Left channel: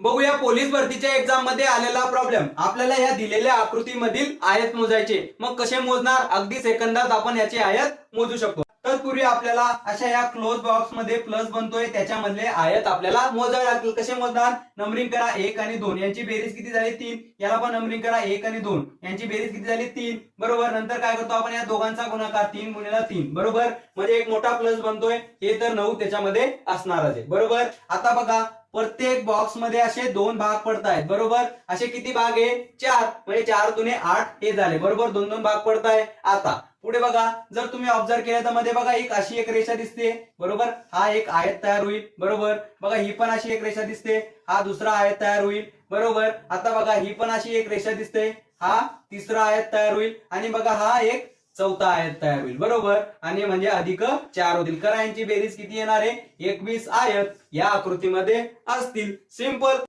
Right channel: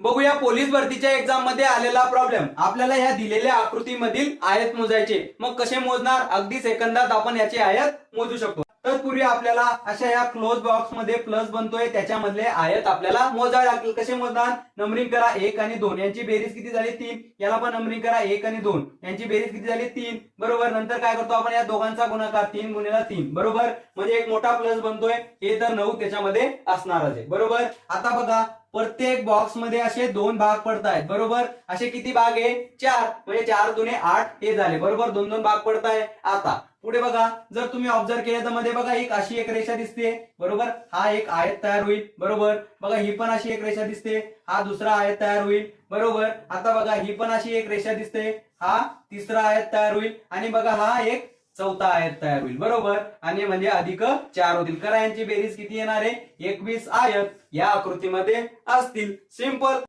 बघूया पोलीस भरतीच्या एक्झाम मध्ये आलेला प्रॉब्लेम। आपल्याला ह्या दिलेल्या आकृतीमधील आयत मोजायचे। मग कसे मोजणार? अगदी सेकंदात आपण याचे आयत मोजू शकतो। तत्पूर्वी आपल्याला अशा या क्लोज बॉक्स मध्ये प्लस बनतोय त्याच्यामधले आयत आपल्याला मोजावे लागतील। कसे मोजणार? नंबरिंग करा 1 आणि 2 यांची बेरीज किती झाली 3। याला पण नंबरिंग करा 1 आणि 2 यांची बेरीज किती झाली 3 बरोबर। नंतर काय करतो आपण या दोघांचा गुणाकार 3 गुणिले 3 बरोबर, म्हणजे एक मोठा प्लस बनतोय। हे तर 9 त्याच्यामध्ये असणारच आहे बरोबर। आता बघा प्रत्येक बॉक्स मध्ये असे 2 भाग पडतायत बरोबर। असे किती भाग आहे? 4, म्हणजे 4 दुने 8 हे झाले बरोबर। 2 भाग पडताय। आता पुढे बघा, जर तुम्ही ऑब्झर्व केलं तर मध्ये बघा एक अशी एक रेषा दिसते बरोबर। हा एक आयत तयार होईल बरोबर। बघा ही पण अशी एक रेषा दिसते, हा दुसरा आयत तयार होईल बरोबर। आता बघा ही पण अशी एक रेषा दिसते, हा तिसरा आयत तयार होईल आणि बघा हा एक चौथा आयत तयार होईल बरोबर। आणि म्हणजे अधिक 4 होतील। करा यांची बेरीज किती येणार आहे? 21 आयत या आकृतीमध्ये असतील। सिंपल।